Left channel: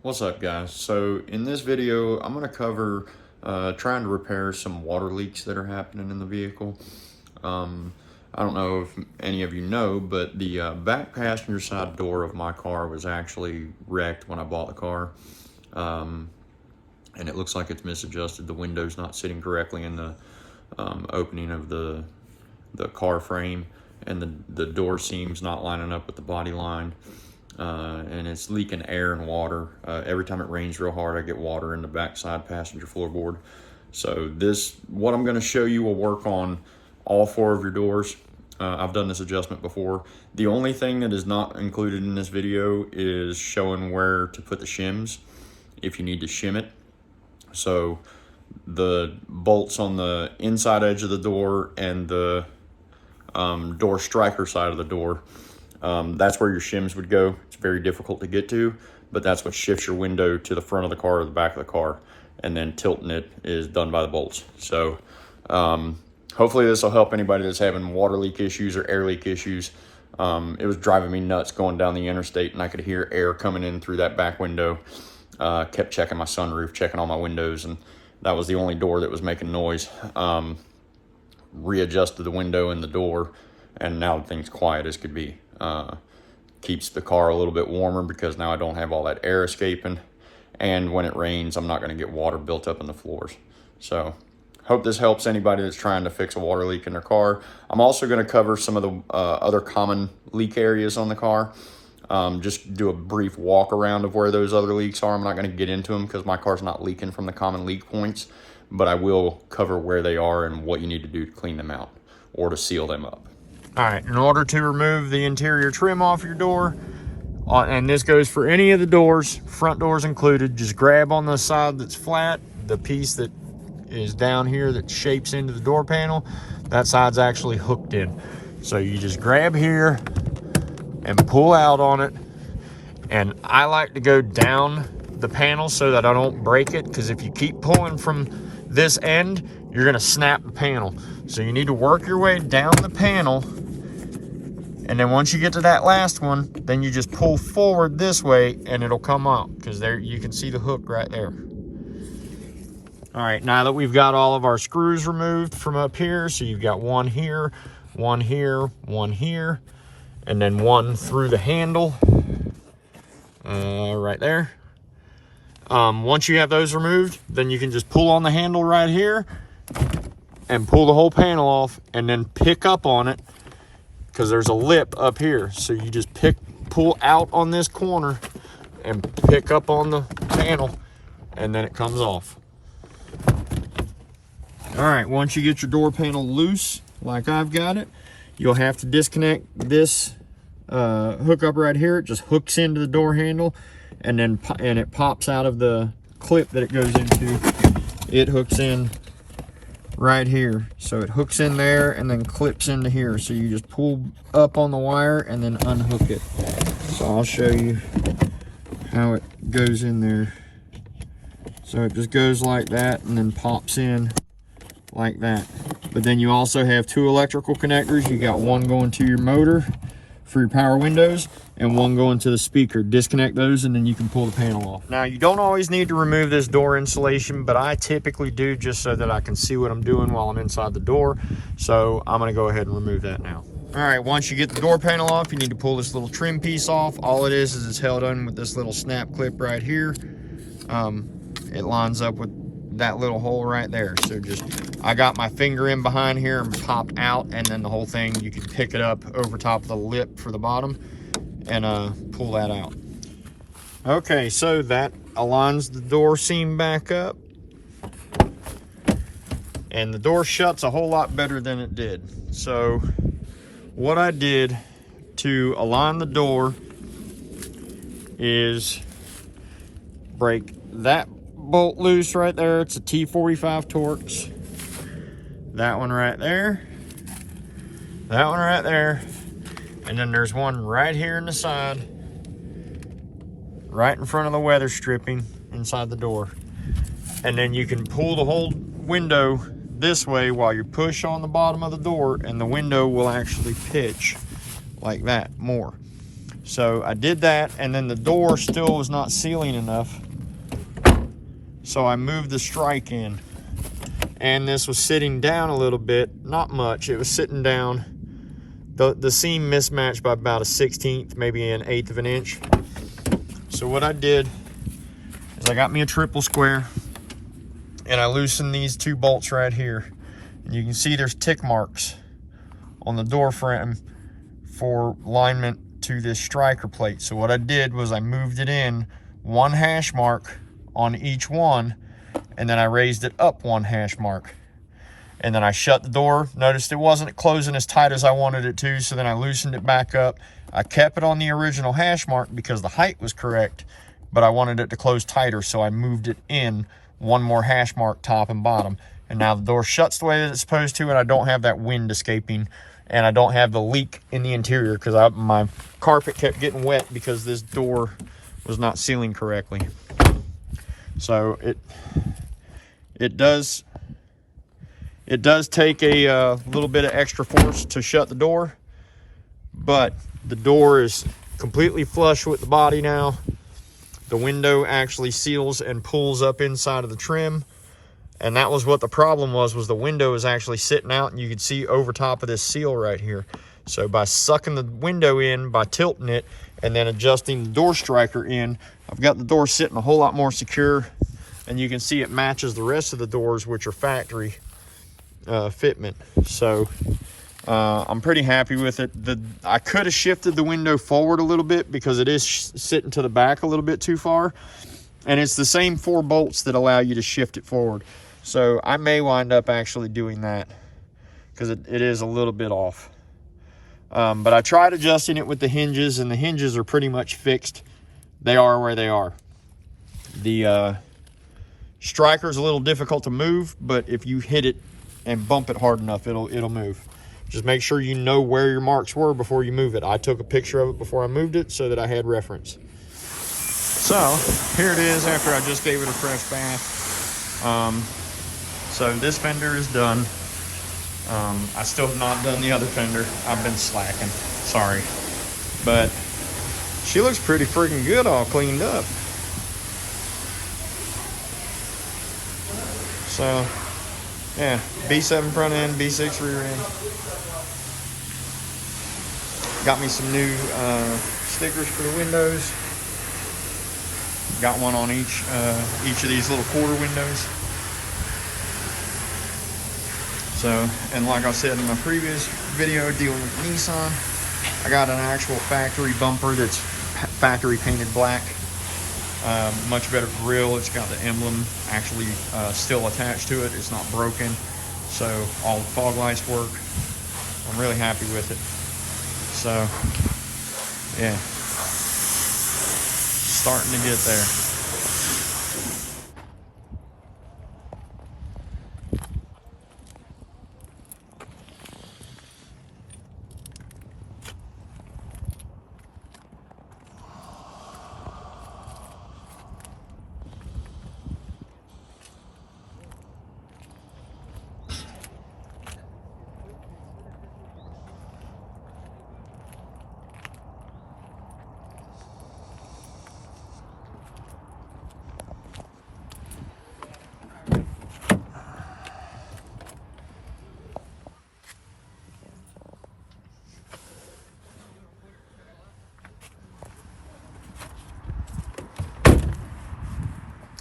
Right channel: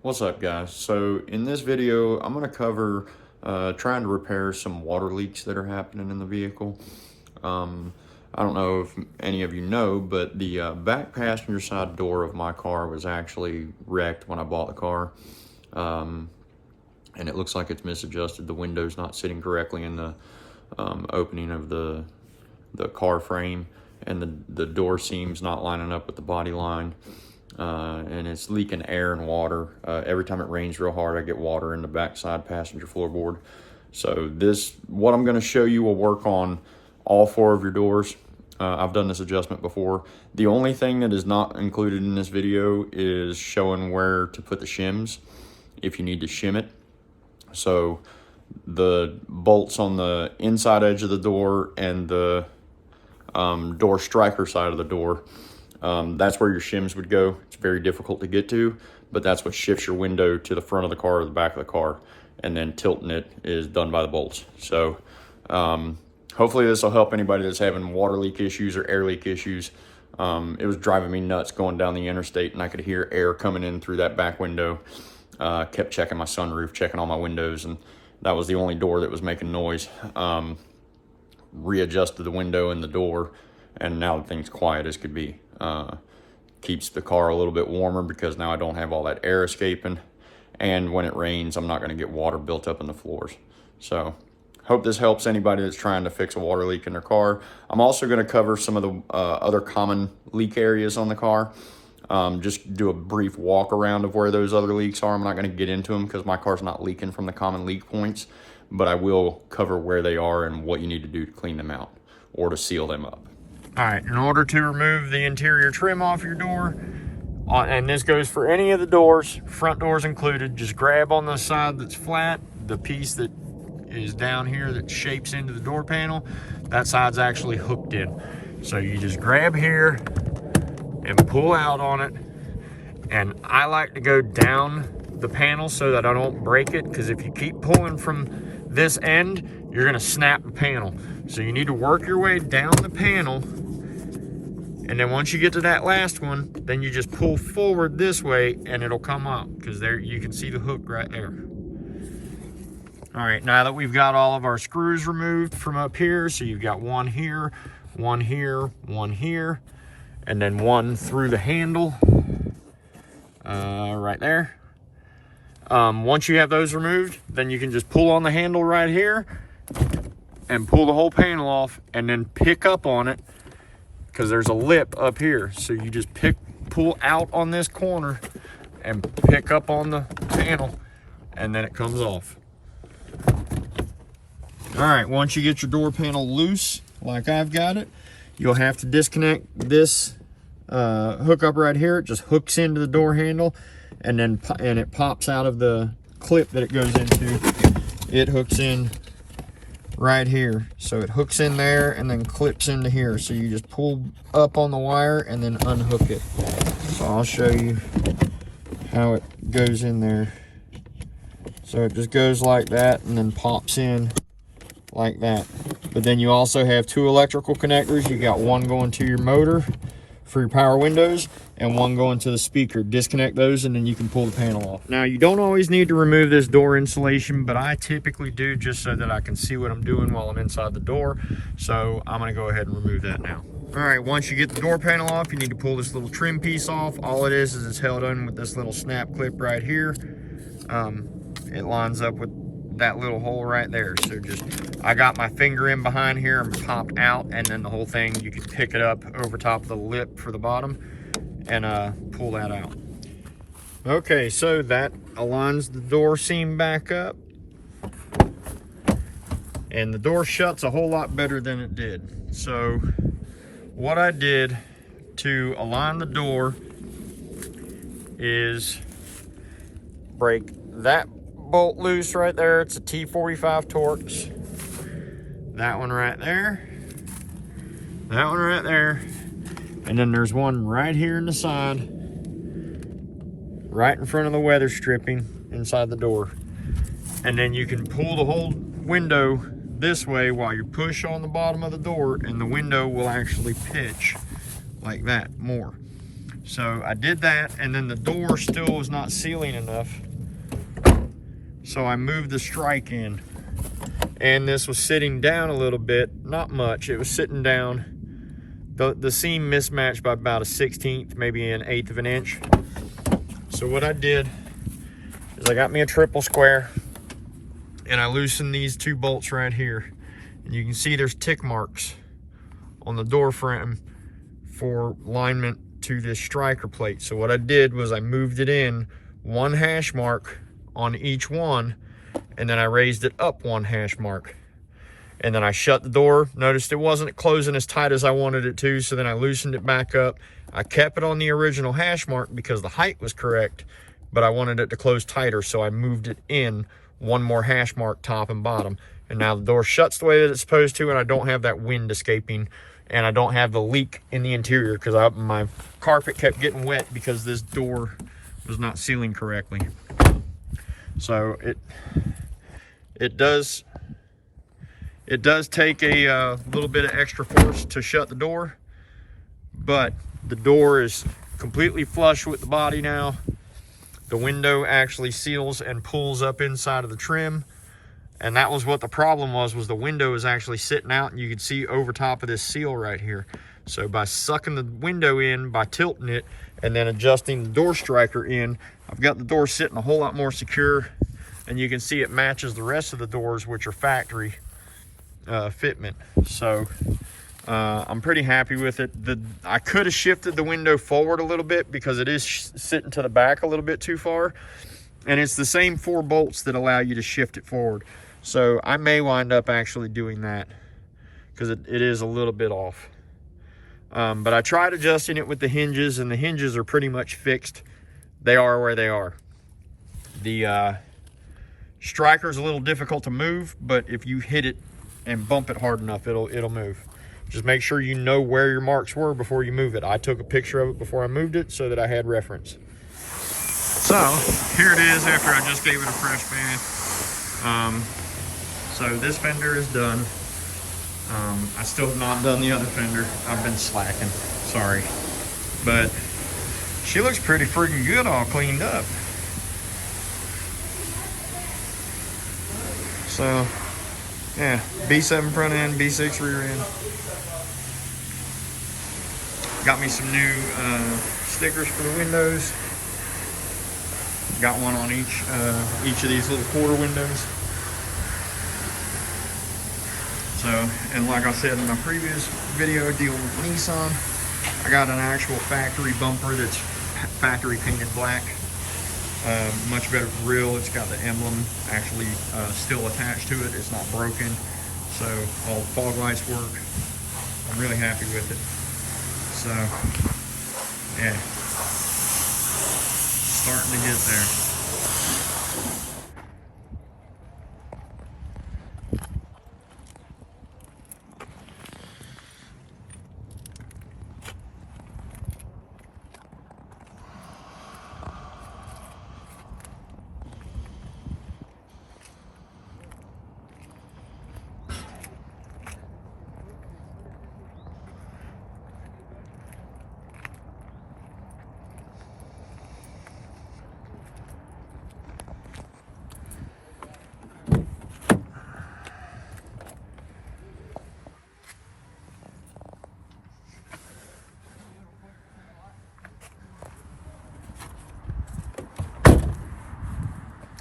What's up, guys? So in this video I'm going to cover trying to repair some water leaks that are happening in the vehicle. I don't know if any of you know, but the back passenger side door of my car was actually wrecked when I bought the car, and it looks like it's misadjusted. The window's not sitting correctly in the opening of the car frame, and the door seam's not lining up with the body line. And it's leaking air and water. Every time it rains real hard, I get water in the backside passenger floorboard. So what I'm gonna show you will work on all 4 of your doors. I've done this adjustment before. The only thing that is not included in this video is showing where to put the shims if you need to shim it. So the bolts on the inside edge of the door and the door striker side of the door, that's where your shims would go. It's very difficult to get to, but that's what shifts your window to the front of the car or the back of the car, and then tilting it is done by the bolts. So hopefully this will help anybody that's having water leak issues or air leak issues. It was driving me nuts going down the interstate, and I could hear air coming in through that back window. Kept checking my sunroof, checking all my windows, and that was the only door that was making noise. Readjusted the window and the door, and now things quiet as could be. Keeps the car a little bit warmer because now I don't have all that air escaping, and when it rains I'm not going to get water built up in the floors. So hope this helps anybody that's trying to fix a water leak in their car. I'm also going to cover some of the other common leak areas on the car. Just do a brief walk around of where those other leaks are. I'm not going to get into them because my car's not leaking from the common leak points, but I will cover where they are and what you need to do to clean them out or to seal them up. All right, in order to remove the interior trim off your door, and this goes for any of the doors, front doors included, just grab on the side that's flat, the piece that is down here that shapes into the door panel, that side's actually hooked in. So you just grab here and pull out on it. And I like to go down the panel so that I don't break it, because if you keep pulling from this end, you're gonna snap the panel. So you need to work your way down the panel, and then once you get to that last one, then you just pull forward this way and it'll come out, because there you can see the hook right there. All right, now that we've got all of our screws removed from up here, so you've got one here, one here, one here, and then one through the handle right there. Once you have those removed, then you can just pull on the handle right here and pull the whole panel off, and then pick up on it, because there's a lip up here. So you just pull out on this corner and pick up on the panel, and then it comes off. All right, once you get your door panel loose, like I've got it, you'll have to disconnect this hookup right here. It just hooks into the door handle, and it pops out of the clip that it goes into. It hooks in right here. So it hooks in there and then clips into here. So you just pull up on the wire and then unhook it. So I'll show you how it goes in there. So it just goes like that and then pops in like that. But then you also have 2 electrical connectors. You got one going to your motor for your power windows and one going to the speaker. Disconnect those and then you can pull the panel off. Now, you don't always need to remove this door insulation, but I typically do, just so that I can see what I'm doing while I'm inside the door. So I'm gonna go ahead and remove that now. All right, once you get the door panel off, you need to pull this little trim piece off. All it is it's held on with this little snap clip right here. It lines up with that little hole right there. So I got my finger in behind here and popped out, and then the whole thing, you can pick it up over top of the lip for the bottom and pull that out. Okay, so that aligns the door seam back up, and the door shuts a whole lot better than it did. So what I did to align the door is break that bolt loose right there. It's a T45 Torx. That one right there, that one right there, and then there's one right here in the side, right in front of the weather stripping inside the door. And then you can pull the whole window this way while you push on the bottom of the door, and the window will actually pitch like that more. So I did that, and then the door still was not sealing enough. So I moved the strike in, and this was sitting down a little bit, not much. It was sitting down. The seam mismatched by about a 1/16, maybe an 1/8 of an inch. So what I did is I got me a triple square, and I loosened these 2 bolts right here. And you can see there's tick marks on the door frame for alignment to this striker plate. So what I did was I moved it in 1 hash mark on each one, and then I raised it up 1 hash mark. And then I shut the door. Noticed it wasn't closing as tight as I wanted it to, so then I loosened it back up. I kept it on the original hash mark because the height was correct, but I wanted it to close tighter, so I moved it in 1 more hash mark, top and bottom. And now the door shuts the way that it's supposed to, and I don't have that wind escaping, and I don't have the leak in the interior because my carpet kept getting wet because this door was not sealing correctly. So it does take a little bit of extra force to shut the door, but the door is completely flush with the body now. The window actually seals and pulls up inside of the trim, and that was what the problem was the window is actually sitting out, and you can see over top of this seal right here. So by sucking the window in, by tilting it, and then adjusting the door striker in, I've got the door sitting a whole lot more secure, and you can see it matches the rest of the doors, which are factory fitment. So I'm pretty happy with it. I could have shifted the window forward a little bit because it is sitting to the back a little bit too far, and it's the same 4 bolts that allow you to shift it forward. So I may wind up actually doing that because it is a little bit off. But I tried adjusting it with the hinges, and the hinges are pretty much fixed. They are where they are. The striker is a little difficult to move, but if you hit it and bump it hard enough, it'll move. Just make sure you know where your marks were before you move it. I took a picture of it before I moved it so that I had reference. So here it is after I just gave it a fresh bath. So this fender is done. I still have not done the other fender. I've been slacking, sorry. But she looks pretty freaking good all cleaned up. So yeah, B7 front end, B6 rear end. Got me some new stickers for the windows. Got one on each of these little quarter windows. So, and like I said in my previous video dealing with Nissan, I got an actual factory bumper that's factory painted black. Much better grill. It's got the emblem actually still attached to it. It's not broken. So all the fog lights work. I'm really happy with it. So yeah, starting to get there.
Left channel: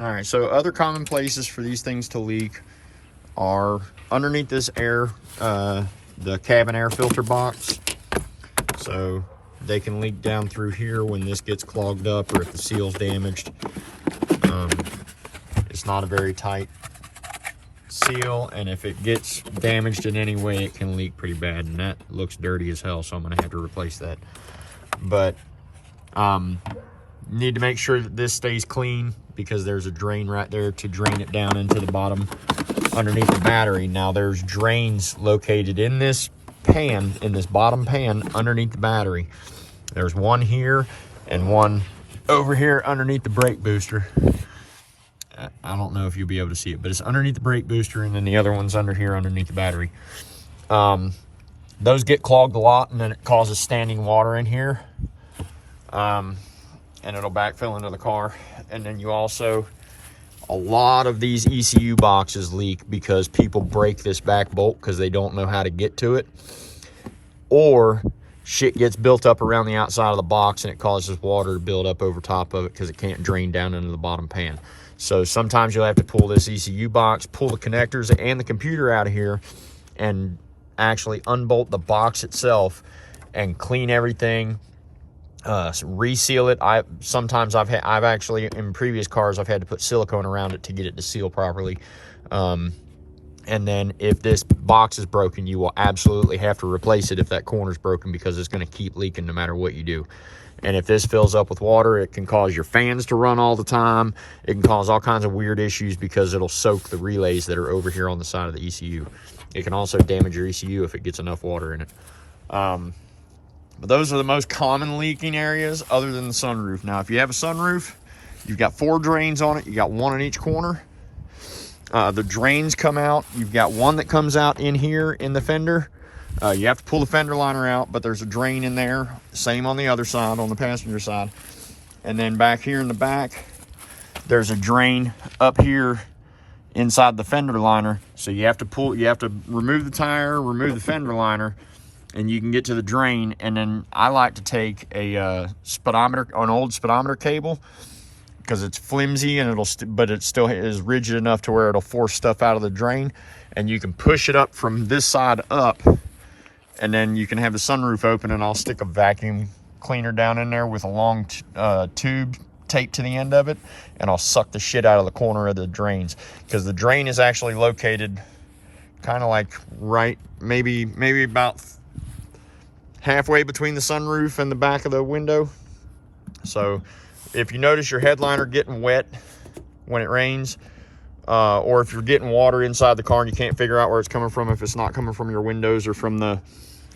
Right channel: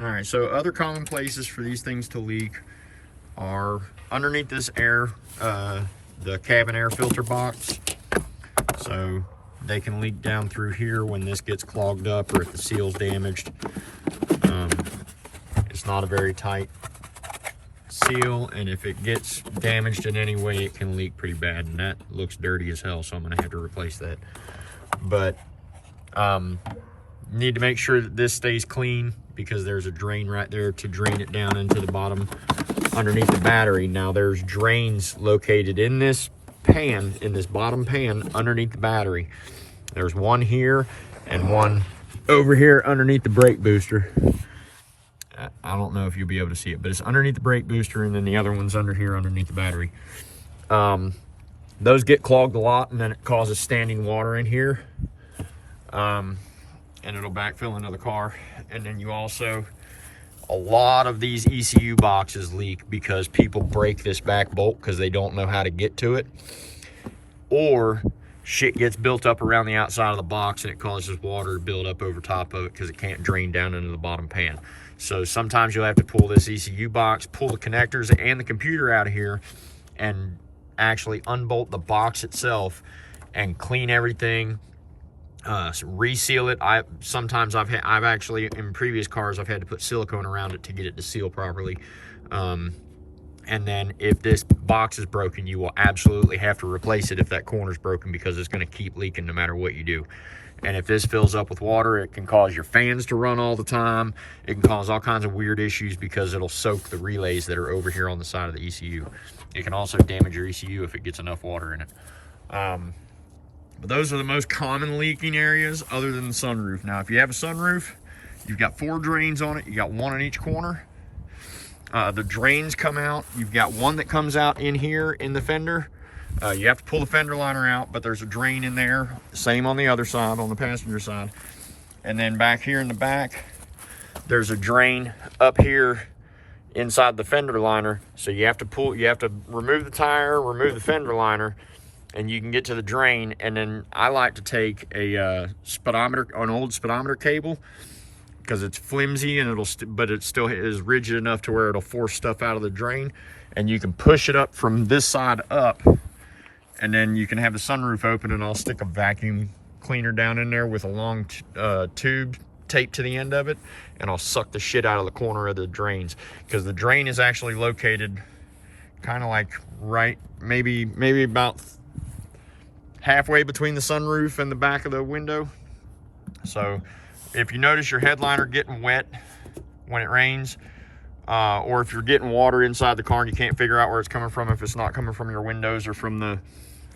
All right, so other common places for these things to leak are underneath this air, the cabin air filter box. So they can leak down through here when this gets clogged up or if the seal's damaged. It's not a very tight seal, and if it gets damaged in any way, it can leak pretty bad, and that looks dirty as hell, so I'm gonna have to replace that. But need to make sure that this stays clean because there's a drain right there to drain it down into the bottom underneath the battery. Now there's drains located in this pan, in this bottom pan underneath the battery. There's one here and one over here underneath the brake booster. I don't know if you'll be able to see it, but it's underneath the brake booster, and then the other one's under here underneath the battery. Those get clogged a lot, and then it causes standing water in here. and it'll backfill into the car. And then you also, a lot of these ECU boxes leak because people break this back bolt because they don't know how to get to it, or shit gets built up around the outside of the box and it causes water to build up over top of it because it can't drain down into the bottom pan. So sometimes you'll have to pull this ECU box, pull the connectors and the computer out of here, and actually unbolt the box itself and clean everything, reseal it. Sometimes I've actually, in previous cars, I've had to put silicone around it to get it to seal properly. And then if this box is broken, you will absolutely have to replace it if that corner's broken, because it's going to keep leaking no matter what you do. And if this fills up with water, it can cause your fans to run all the time. It can cause all kinds of weird issues because it'll soak the relays that are over here on the side of the ECU. It can also damage your ECU if it gets enough water in it. But those are the most common leaking areas other than the sunroof. Now, if you have a sunroof, you've got 4 drains on it. You got 1 in each corner. The drains come out. You've got one that comes out in here in the fender. You have to pull the fender liner out, but there's a drain in there. Same on the other side, on the passenger side. And then back here in the back, there's a drain up here inside the fender liner. So you have to remove the tire, remove the fender liner, and you can get to the drain. And then I like to take a speedometer, an old speedometer cable, because it's flimsy and but it still is rigid enough to where it'll force stuff out of the drain, and you can push it up from this side up, and then you can have the sunroof open, and I'll stick a vacuum cleaner down in there with a long tube taped to the end of it, and I'll suck the shit out of the corner of the drains, because the drain is actually located kind of like right, maybe about halfway between the sunroof and the back of the window. So if you notice your headliner getting wet when it rains, or if you're getting water inside the car and you can't figure out where it's coming from, if it's not coming from your windows or from the,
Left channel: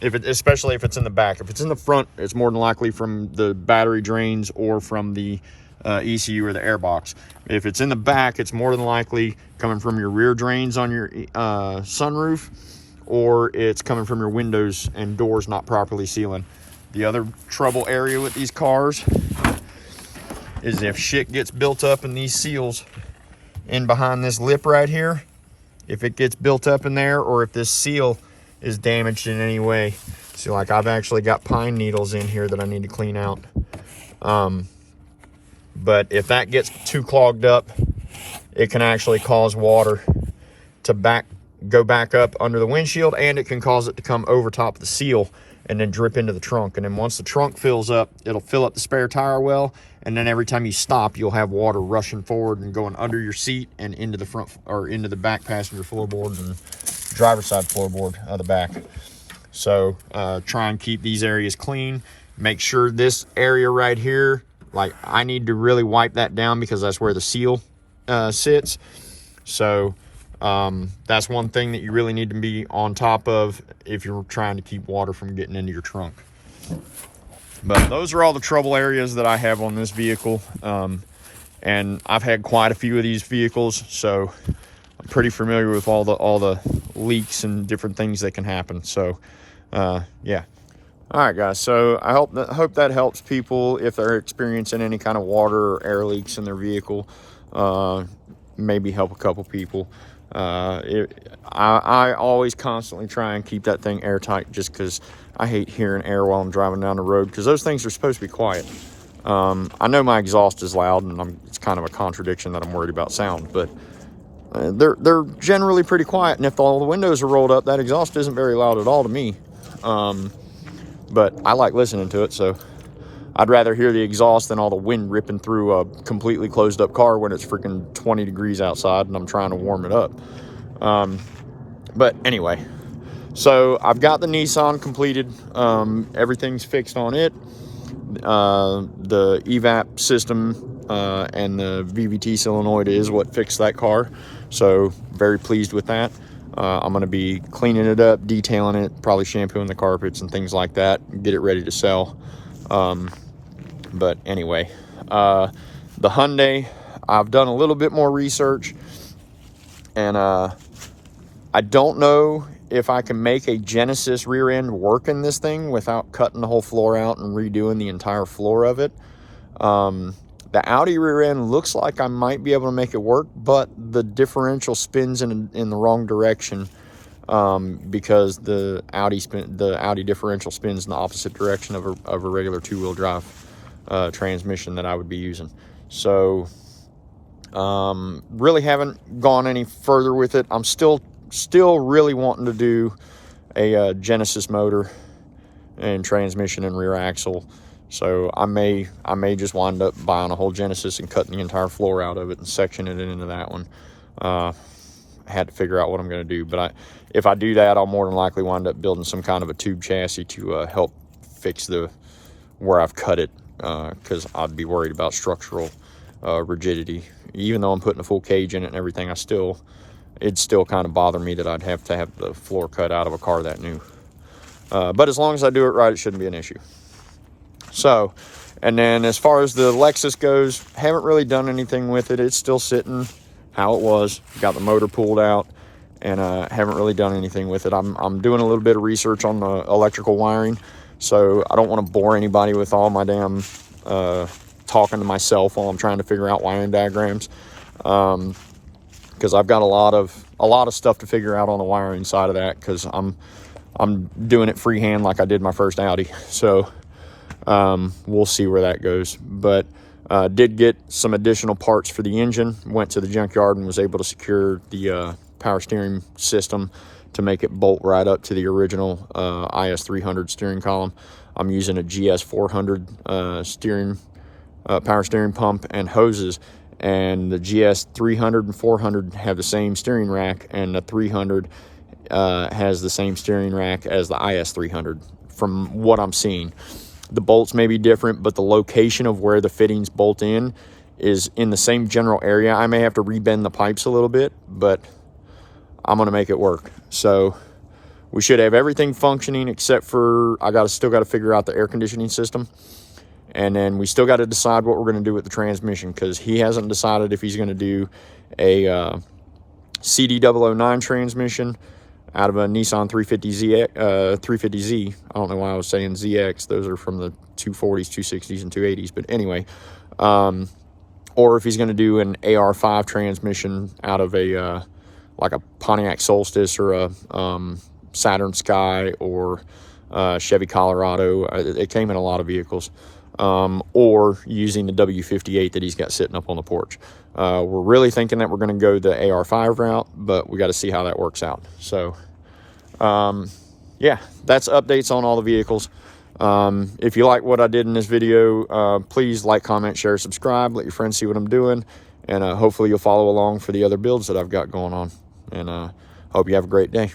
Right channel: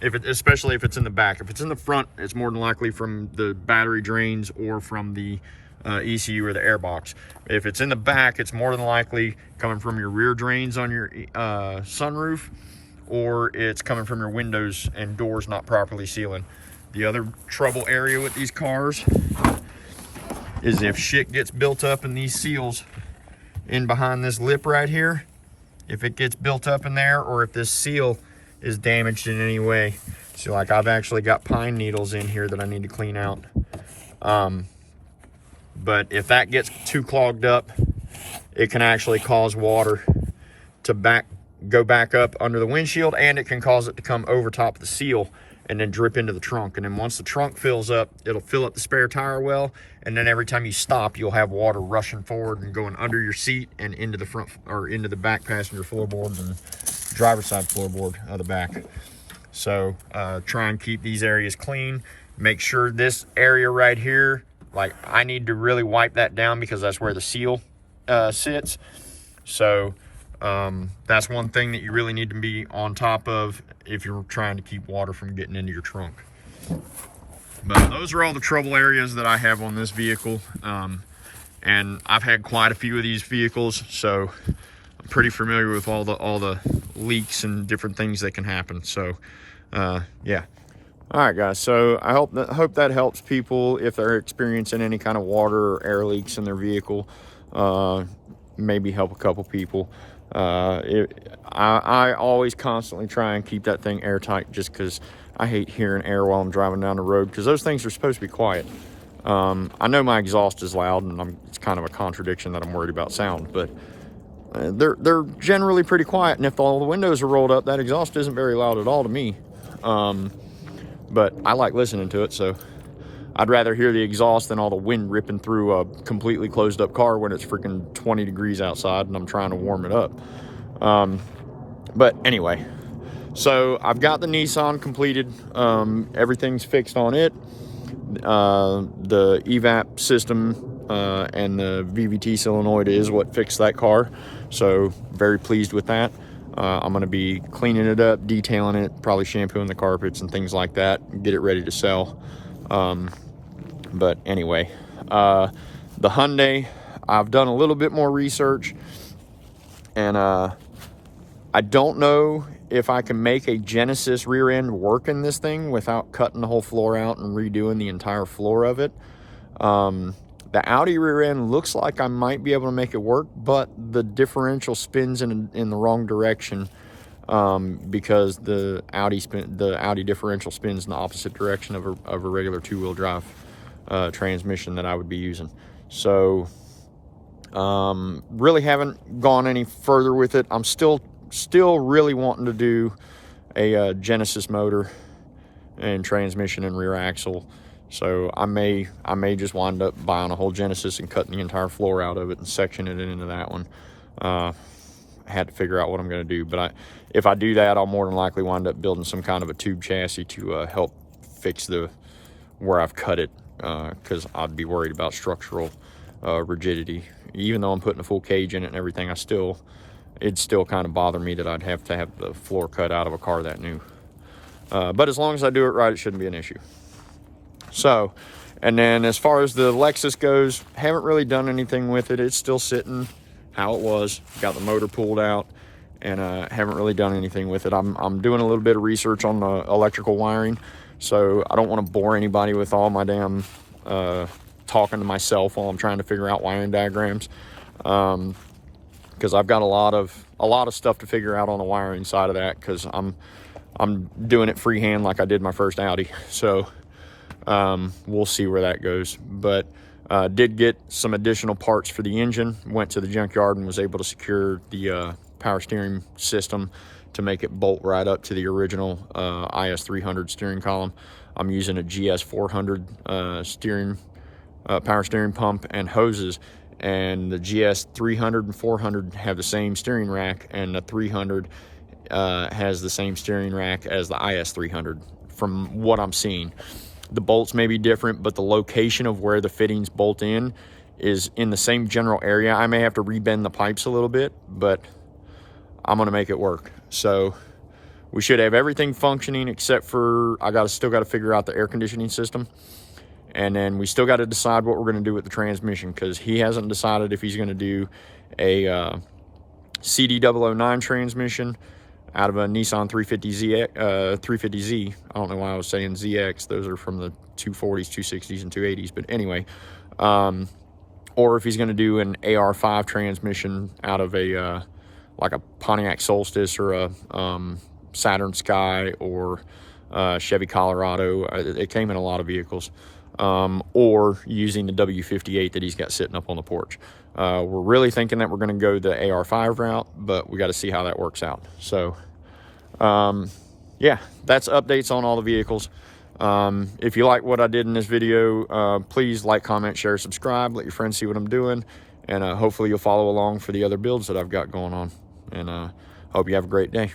especially if it's in the back. If it's in the front, it's more than likely from the battery drains or from the ECU or the air box. If it's in the back, it's more than likely coming from your rear drains on your sunroof, or it's coming from your windows and doors not properly sealing. The other trouble area with these cars is if shit gets built up in these seals in behind this lip right here, if it gets built up in there, or if this seal is damaged in any way. So like I've actually got pine needles in here that I need to clean out. But if that gets too clogged up, it can actually cause water to go back up under the windshield, and it can cause it to come over top of the seal and then drip into the trunk. And then once the trunk fills up, it'll fill up the spare tire well, and then every time you stop, you'll have water rushing forward and going under your seat and into the front, or into the back passenger floorboards and driver's side floorboard of the back. So try and keep these areas clean. Make sure this area right here, like I need to really wipe that down because that's where the seal sits. So that's one thing that you really need to be on top of if you're trying to keep water from getting into your trunk. But those are all the trouble areas that I have on this vehicle. And I've had quite a few of these vehicles, so I'm pretty familiar with all the leaks and different things that can happen. So yeah. All right, guys, so I hope that helps people if they're experiencing any kind of water or air leaks in their vehicle. Maybe help a couple people. I always constantly try and keep that thing airtight, just because I hate hearing air while I'm driving down the road, because those things are supposed to be quiet. I know my exhaust is loud, and it's kind of a contradiction that I'm worried about sound, but they're generally pretty quiet, and if all the windows are rolled up, that exhaust isn't very loud at all to me. But I like listening to it, so I'd rather hear the exhaust than all the wind ripping through a completely closed up car when it's freaking 20 degrees outside and I'm trying to warm it up. But anyway, so I've got the Nissan completed. Everything's fixed on it. The evap system and the VVT solenoid is what fixed that car. So very pleased with that. I'm going to be cleaning it up, detailing it, probably shampooing the carpets and things like that, get it ready to sell. But anyway, the Hyundai, I've done a little bit more research, and I don't know if I can make a Genesis rear end work in this thing without cutting the whole floor out and redoing the entire floor of it. The Audi rear end looks like I might be able to make it work, but the differential spins in the wrong direction, because the Audi differential spins in the opposite direction of a regular two-wheel drive transmission that I would be using. So really haven't gone any further with it. I'm still really wanting to do a Genesis motor and transmission and rear axle. So I may just wind up buying a whole Genesis and cutting the entire floor out of it and sectioning it into that one. I had to figure out what I'm going to do, but if I do that, I'll more than likely wind up building some kind of a tube chassis to help fix where I've cut it, because I'd be worried about structural rigidity. Even though I'm putting a full cage in it and everything, it'd still kind of bother me that I'd have to have the floor cut out of a car that new. But as long as I do it right, it shouldn't be an issue. So, and then as far as the Lexus goes, haven't really done anything with it. It's still sitting how it was. Got the motor pulled out, and haven't really done anything with it. I'm doing a little bit of research on the electrical wiring, so I don't want to bore anybody with all my damn talking to myself while I'm trying to figure out wiring diagrams, because I've got a lot of stuff to figure out on the wiring side of that, because I'm doing it freehand like I did my first Audi. So we'll see where that goes. But did get some additional parts for the engine. Went to the junkyard and was able to secure the power steering system to make it bolt right up to the original IS300 steering column. I'm using a GS400 power steering pump and hoses, and the GS300 and 400 have the same steering rack, and the 300 has the same steering rack as the IS300 from what I'm seeing. The bolts may be different, but the location of where the fittings bolt in is in the same general area. I may have to rebend the pipes a little bit, but I'm going to make it work. So we should have everything functioning, except for still got to figure out the air conditioning system. And then we still got to decide what we're going to do with the transmission, because he hasn't decided if he's going to do a CD009 transmission out of a Nissan 350Z. I don't know why I was saying ZX. Those are from the 240s, 260s, and 280s. But anyway, or if he's going to do an AR5 transmission out of a like a Pontiac Solstice or a Saturn Sky or Chevy Colorado. It came in a lot of vehicles. Or using the W58 that he's got sitting up on the porch. We're really thinking that we're going to go the AR5 route, but we got to see how that works out. So, yeah, that's updates on all the vehicles. If you like what I did in this video, please like, comment, share, subscribe, let your friends see what I'm doing, and hopefully you'll follow along for the other builds that I've got going on. And hope you have a great day.